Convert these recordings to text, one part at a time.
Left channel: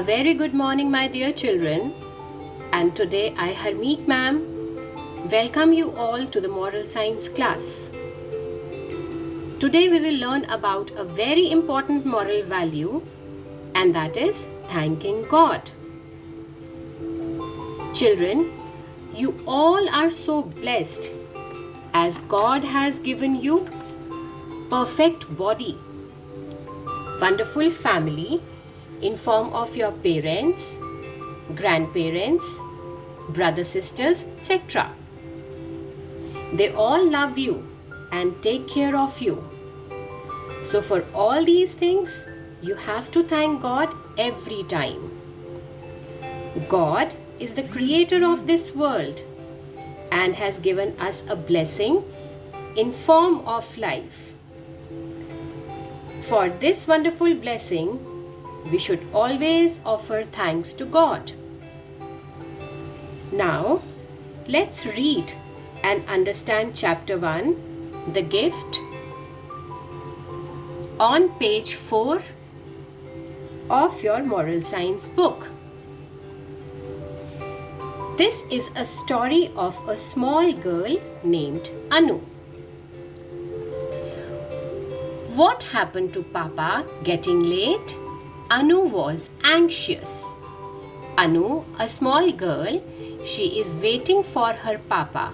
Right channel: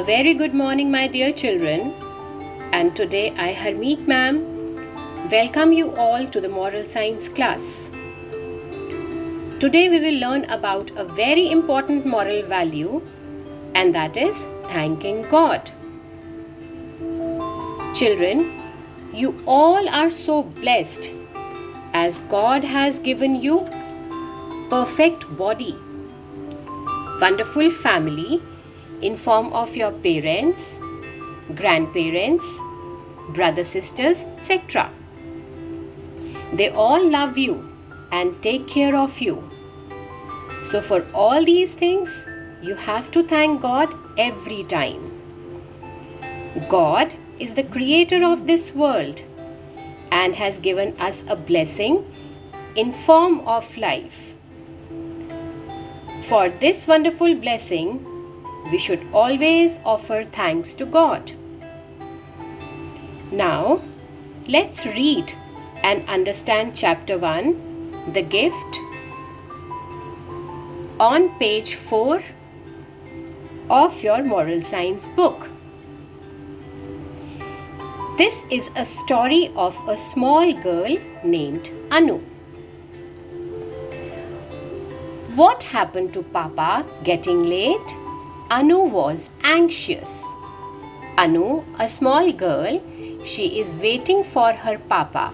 A very good morning, my dear children. And today I, Harmeet ma'am, welcome you all to the moral science class. Today we will learn about a very important moral value, and that is thanking God. Children, you all are so blessed as God has given you perfect body, wonderful family in form of your parents, grandparents, brothers, sisters, etc. They all love you and take care of you. So for all these things, you have to thank God every time. God is the creator of this world and has given us a blessing in form of life. For this wonderful blessing, we should always offer thanks to God. Now, let's read and understand chapter 1, the gift, on page 4 of your moral science book. This is a story of a small girl named Anu. What happened to Papa getting late? Anu was anxious. Anu, a small girl, she is waiting for her Papa,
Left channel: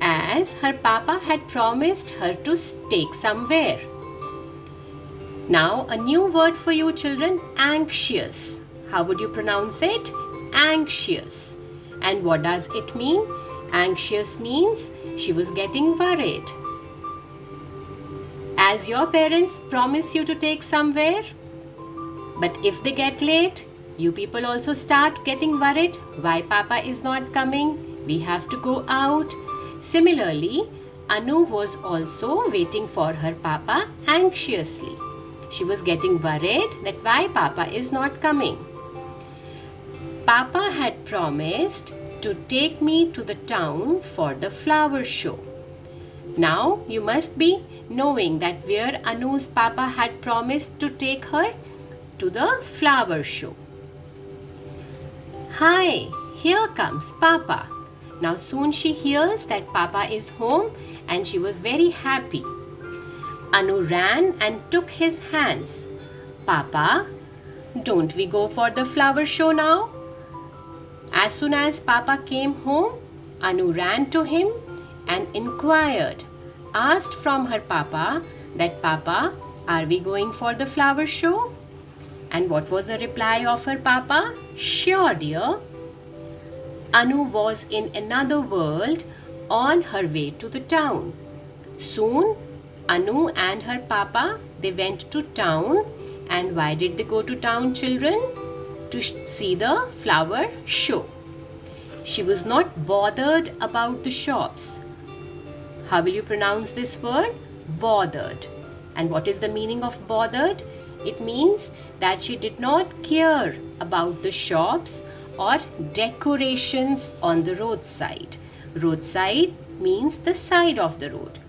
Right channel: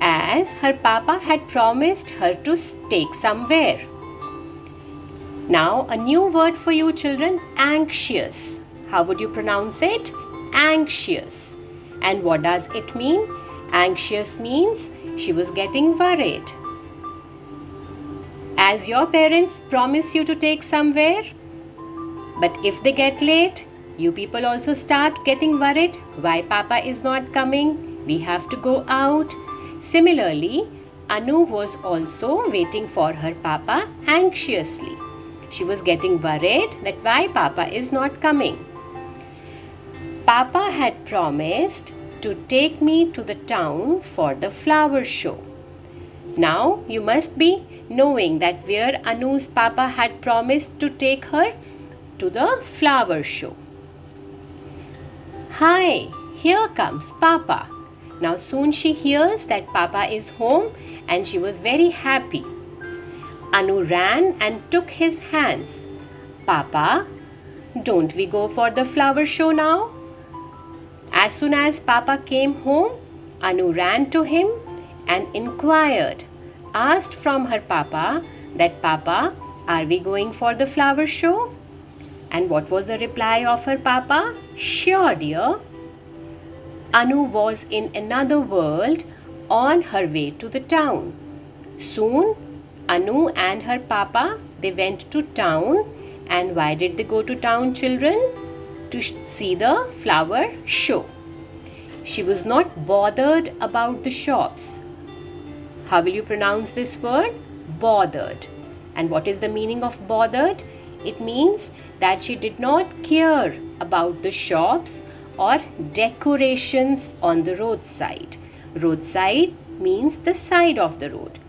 as her Papa had promised her to take somewhere. Now, a new word for you children, anxious. How would you pronounce it? Anxious. And what does it mean? Anxious means she was getting worried. As your parents promise you to take somewhere, but if they get late, you people also start getting worried. Why Papa is not coming? We have to go out. Similarly, Anu was also waiting for her Papa anxiously. She was getting worried that why Papa is not coming. Papa had promised to take me to the town for the flower show. Now you must be knowing that where Anu's Papa had promised to take her to the flower show. Hi, here comes Papa. Now soon she hears that Papa is home and she was very happy. Anu ran and took his hands. Papa, don't we go for the flower show now? As soon as Papa came home, Anu ran to him and inquired, asked from her Papa that Papa, are we going for the flower show? And what was the reply of her Papa? Sure, dear. Anu was in another world on her way to the town. Soon, Anu and her Papa, they went to town. And why did they go to town, children? To see the flower show. She was not bothered about the shops. How will you pronounce this word? Bothered. And what is the meaning of bothered? It means that she did not care about the shops or decorations on the roadside. Roadside means the side of the road.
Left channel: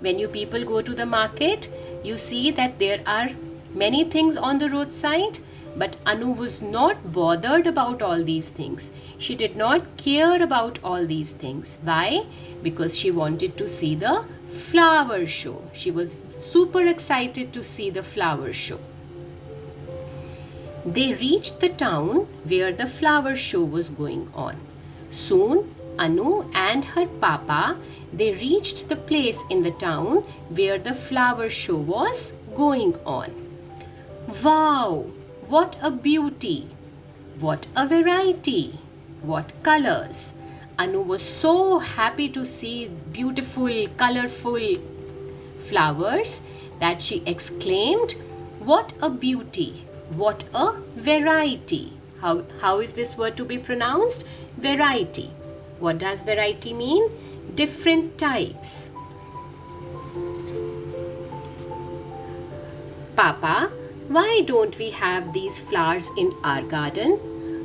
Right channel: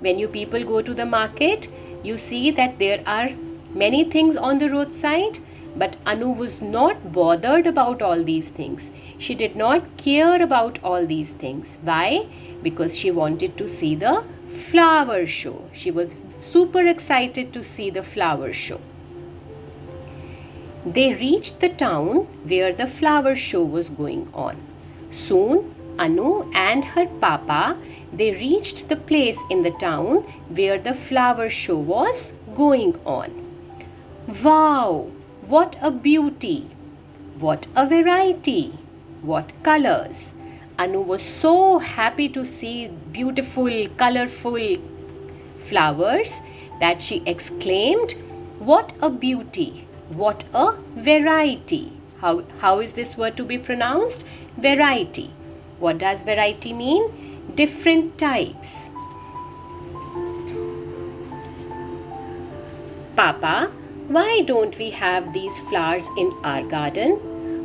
When you people go to the market, you see that there are many things on the roadside, but Anu was not bothered about all these things. She did not care about all these things. Why? Because she wanted to see the flower show. She was super excited to see the flower show. They reached the town where the flower show was going on. Soon, Anu and her Papa, they reached the place in the town where the flower show was going on. Wow! What a beauty! What a variety! What colors! Anu was so happy to see beautiful, colorful flowers that she exclaimed, what a beauty! What a variety! How is this word to be pronounced? Variety. What does variety mean? Different types. Papa, why don't we have these flowers in our garden?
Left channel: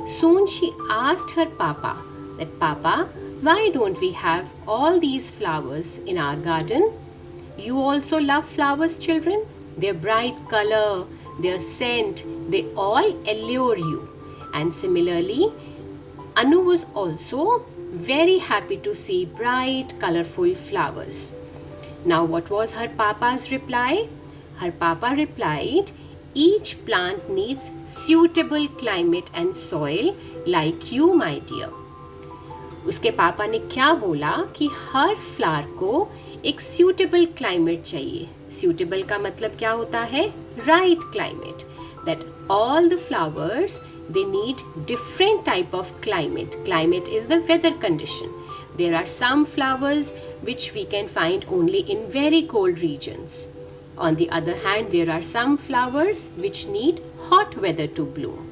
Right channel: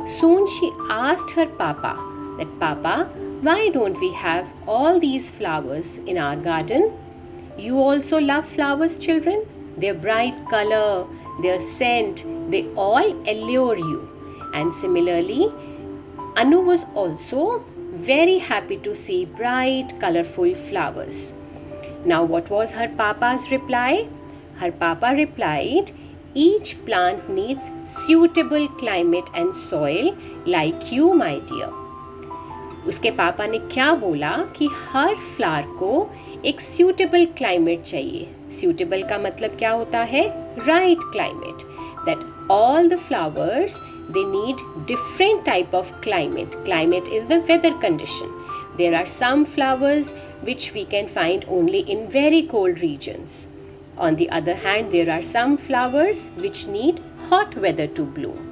Soon she asked her Papa that, Papa, why don't we have all these flowers in our garden? You also love flowers, children? Their bright color, their scent, they all allure you. And similarly, Anu was also very happy to see bright, colorful flowers. Now, what was her papa's reply? Her papa replied, each plant needs suitable climate and soil like you, my dear. उसके पापा ने क्या बोला कि हर flower को एक suitable climate चाहिए. Suitable का मतलब क्या होता है? Right climate. That all the flowers, they need different type of climate. Climate is the weather condition. There are some flowers which we can find only in very cold regions. On the other hand, there are some flowers which need hot weather to bloom.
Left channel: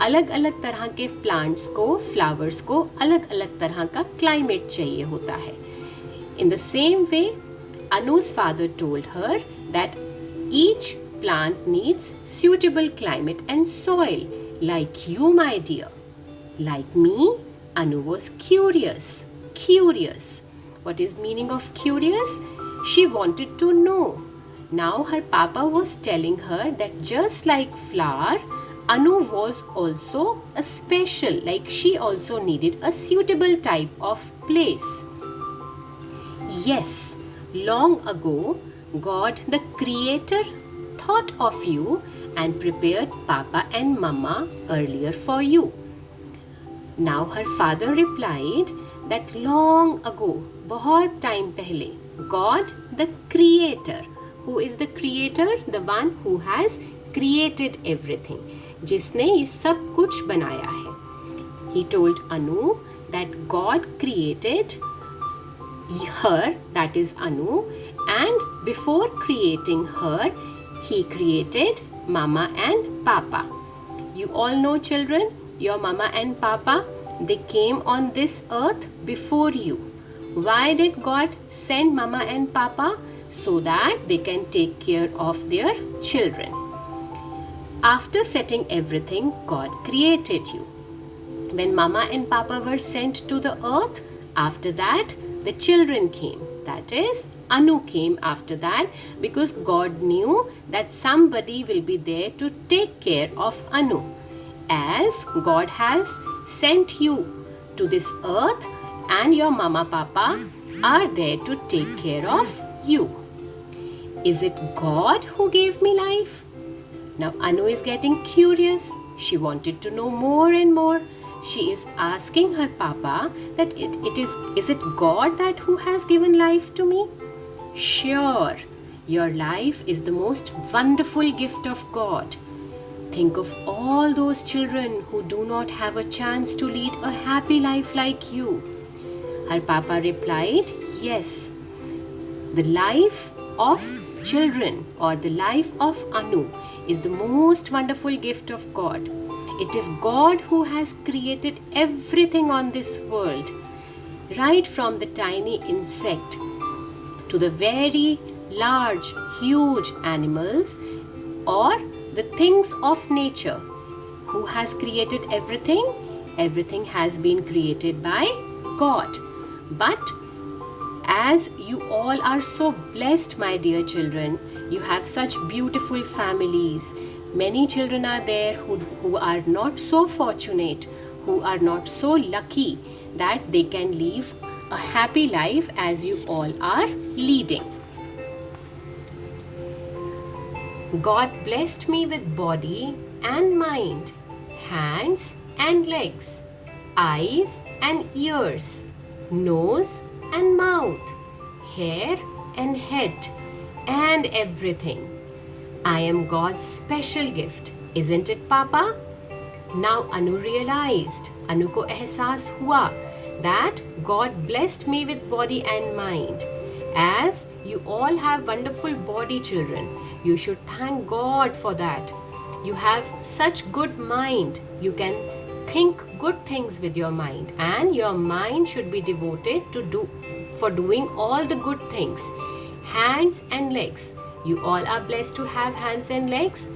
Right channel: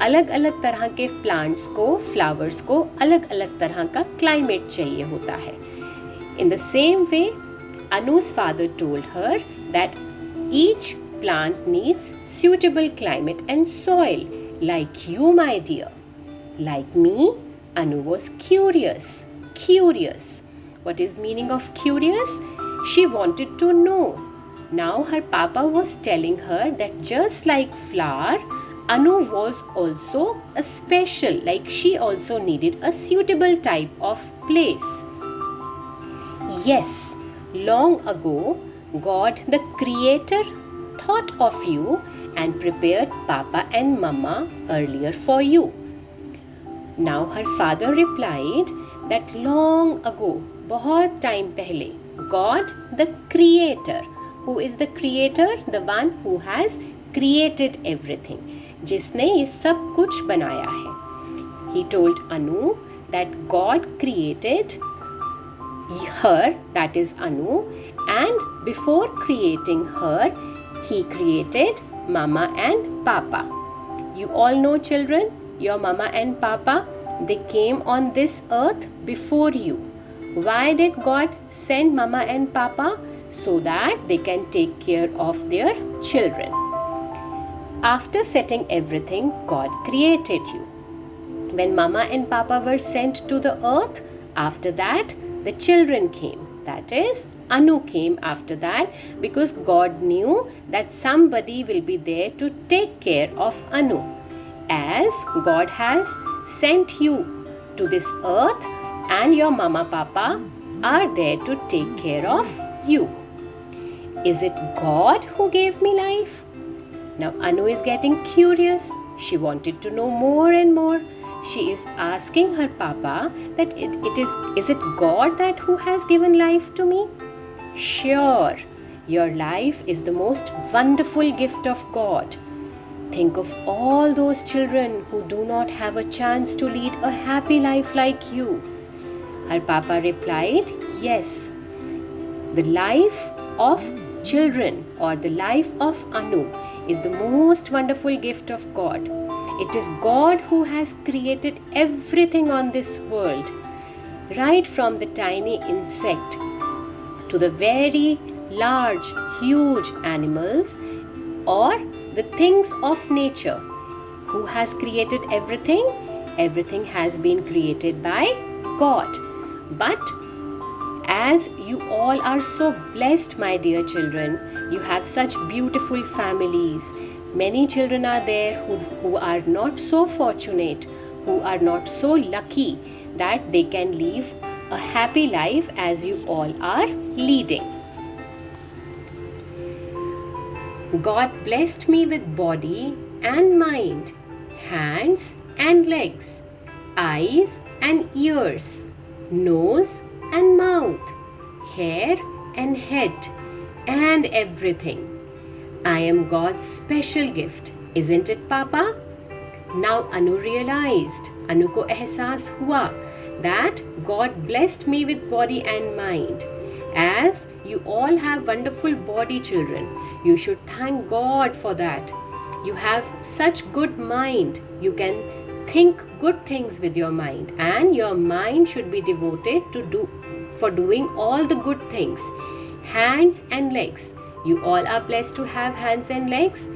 अलग अलग तरह के plants को, flowers को अलग अलग तरह का क्लाइमेट चाहिए होता है. In the same way, Anu's father told her that each plant needs suitable climate and soil, like you, my dear. Like me, Anu was curious. Curious. What is meaning of curious? She wanted to know. Now her papa was telling her that just like flower, Anu was also a special, like she also needed a suitable type of place. Yes, long ago, God the Creator thought of you and prepared Papa and Mama earlier for you. Now her father replied that long ago, बहुत time पहले, God the Creator. Who is the Creator? The one who has created everything. जिसने ये सब कुछ बनाया है. He told Anu that God created her, that is Anu, and before creating her, he created Mama and Papa. You all know, children, your Mama and Papa, they came on this earth before you. Why did God send Mama and Papa? So that they can take care of their children. After setting everything, God created you. When Mama and Papa were sent to the earth, after that, the children came. That is, Anu came after that, because God knew that somebody will be there to take care of Anu. As God has sent you to this earth, and your Mama Papa are there to take care of you. Is it God who gave me life? Now Anu is getting curious. She wanted to know more and more. She is asking her papa that is it God that who has given life to me? Sure, your life is the most wonderful gift of God. Think of all those children who do not have a chance to lead a happy life like you. Her papa replied, yes, the life of children or the life of Anu is the most wonderful gift of God. It is God who has created everything on this world, right from the tiny insect to the very large, huge animals or the things of nature. Who has created everything? Everything has been created by God. But as you all are so blessed, my dear children, you have such beautiful families. Many children are there who are not so fortunate, who are not so lucky that they can live a happy life as you all are leading. God blessed me with body and mind, hands and legs, eyes and ears, nose and mouth, hair and head, and everything. I am God's special gift, isn't it, Papa? Now Anu realized, Anu ko ehsaas hua that God blessed me with body and mind. As you all have wonderful body, children, you should thank God for that. You have such good mind. You can think good things with your mind, and your mind should be devoted to doing all the good things. Hands and legs. You all are blessed to have hands and legs.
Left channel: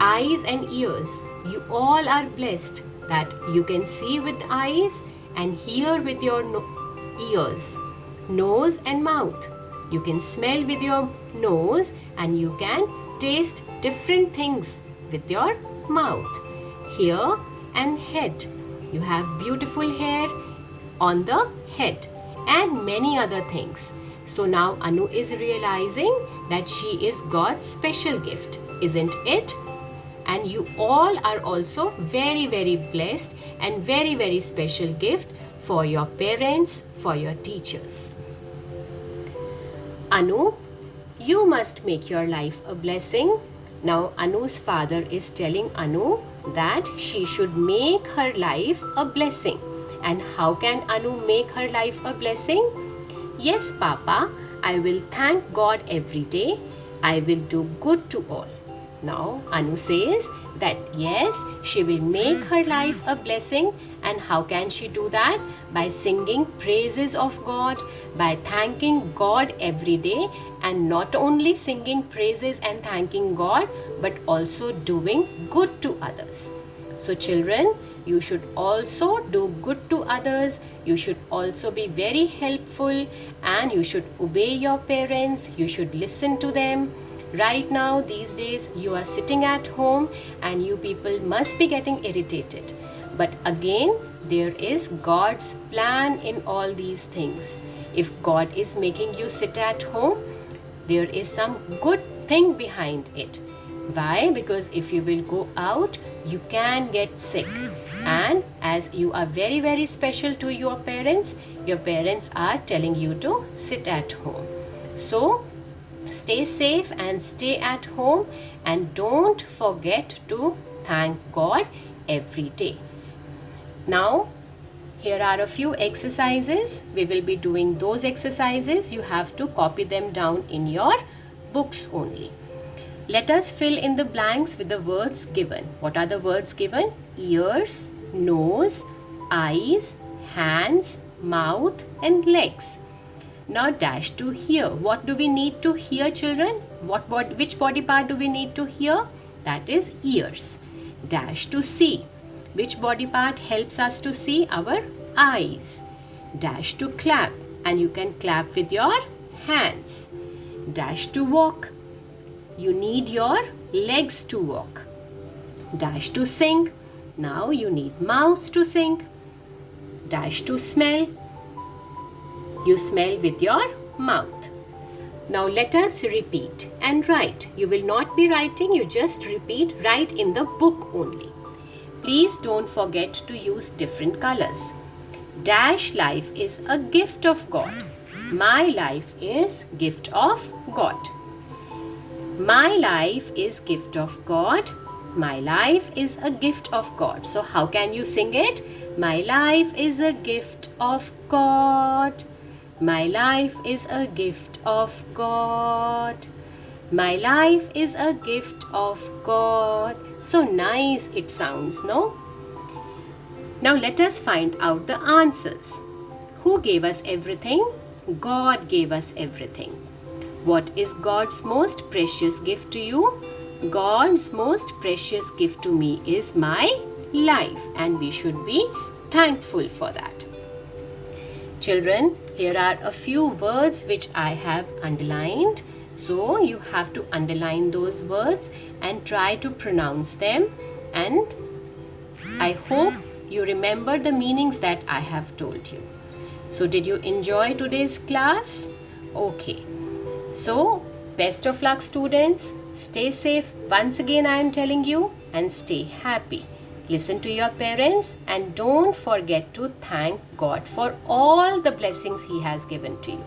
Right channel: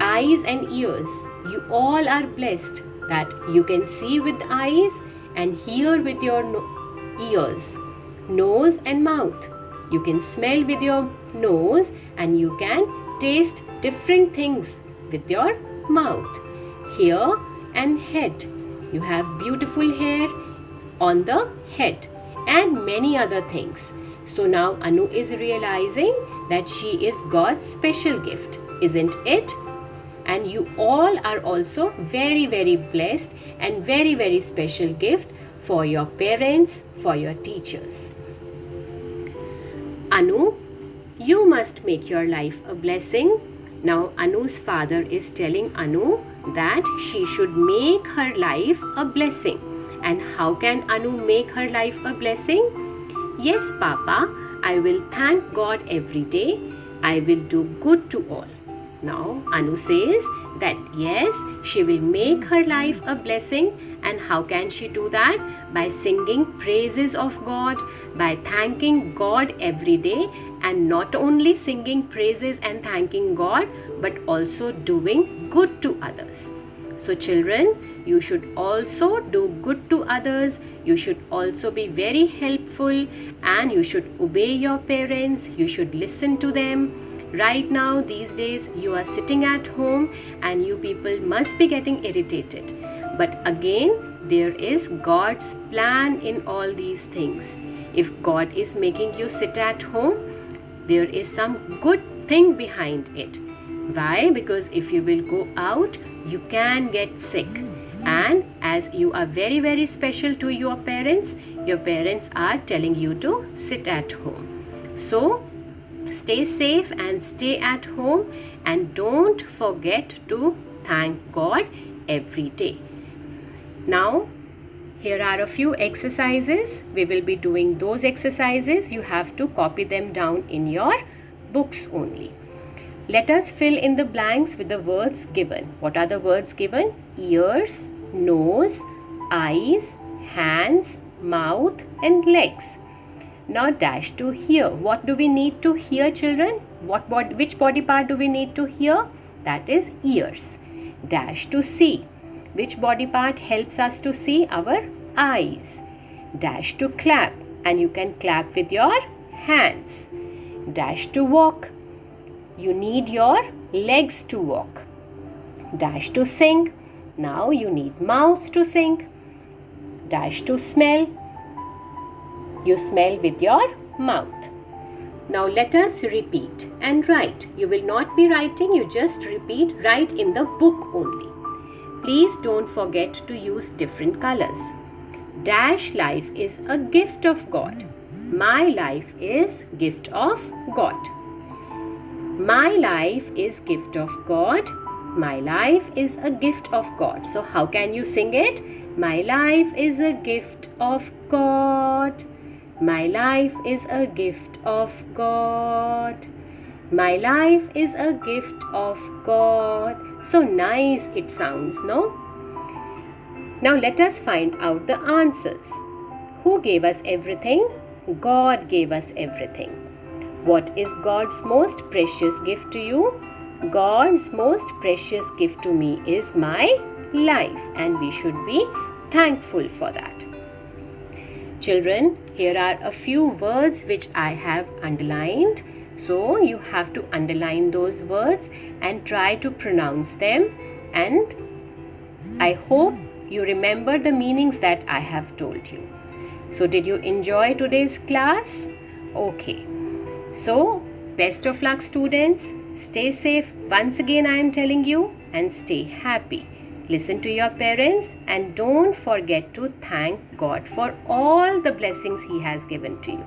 Eyes and ears. You all are blessed that you can see with eyes and hear with your ears. Nose and mouth. You can smell with your nose and you can taste different things with your mouth. Hair and head. You have beautiful hair on the head and many other things. So now Anu is realizing that she is God's special gift, isn't it? And you all are also very, very blessed and very, very special gift for your parents, for your teachers. Anu, you must make your life a blessing. Now Anu's father is telling Anu that she should make her life a blessing. And how can Anu make her life a blessing? Yes, Papa, I will thank God every day. I will do good to all. Now Anu says that yes, she will make her life a blessing. And how can she do that? By singing praises of God, by thanking God every day, and not only singing praises and thanking God, but also doing good to others. So children, you should also do good to others. You should also be very helpful, and you should obey your parents. You should listen to them. Right now, these days, you are sitting at home and you people must be getting irritated. But again, there is God's plan in all these things. If God is making you sit at home, there is some good thing behind it. Why? Because if you will go out, you can get sick. And as you are very, very special to your parents are telling you to sit at home. So, stay safe and stay at home, and don't forget to thank God every day. Now, here are a few exercises. We will be doing those exercises. You have to copy them down in your books only. Let us fill in the blanks with the words given. What are the words given? Ears, nose, eyes, hands, mouth, and legs. Now dash to hear. What do we need to hear, children? Which body part do we need to hear? That is ears. Dash to see. Which body part helps us to see? Our eyes. Dash to clap. And you can clap with your hands. Dash to walk. You need your legs to walk. Dash to sing. Now you need mouth to sing. Dash to smell. You smell with your mouth. Now let us repeat and write. You will not be writing, you just repeat, write in the book only. Please don't forget to use different colors. Dash life is a gift of God. My life is gift of God. My life is gift of God. My life is a gift of God. So how can you sing it? My life is a gift of God. My life is a gift of God. My life is a gift of God. So nice it sounds, no? Now let us find out the answers. Who gave us everything? God gave us everything. What is God's most precious gift to you? God's most precious gift to me is my life, and we should be thankful for that. Children, here are a few words which I have underlined. So you have to underline those words and try to pronounce them, and I hope you remember the meanings that I have told you. So did you enjoy today's class? Okay. So best of luck, students. Stay safe once again, I am telling you, and stay happy. Listen to your parents and don't forget to thank God for all the blessings He has given to you.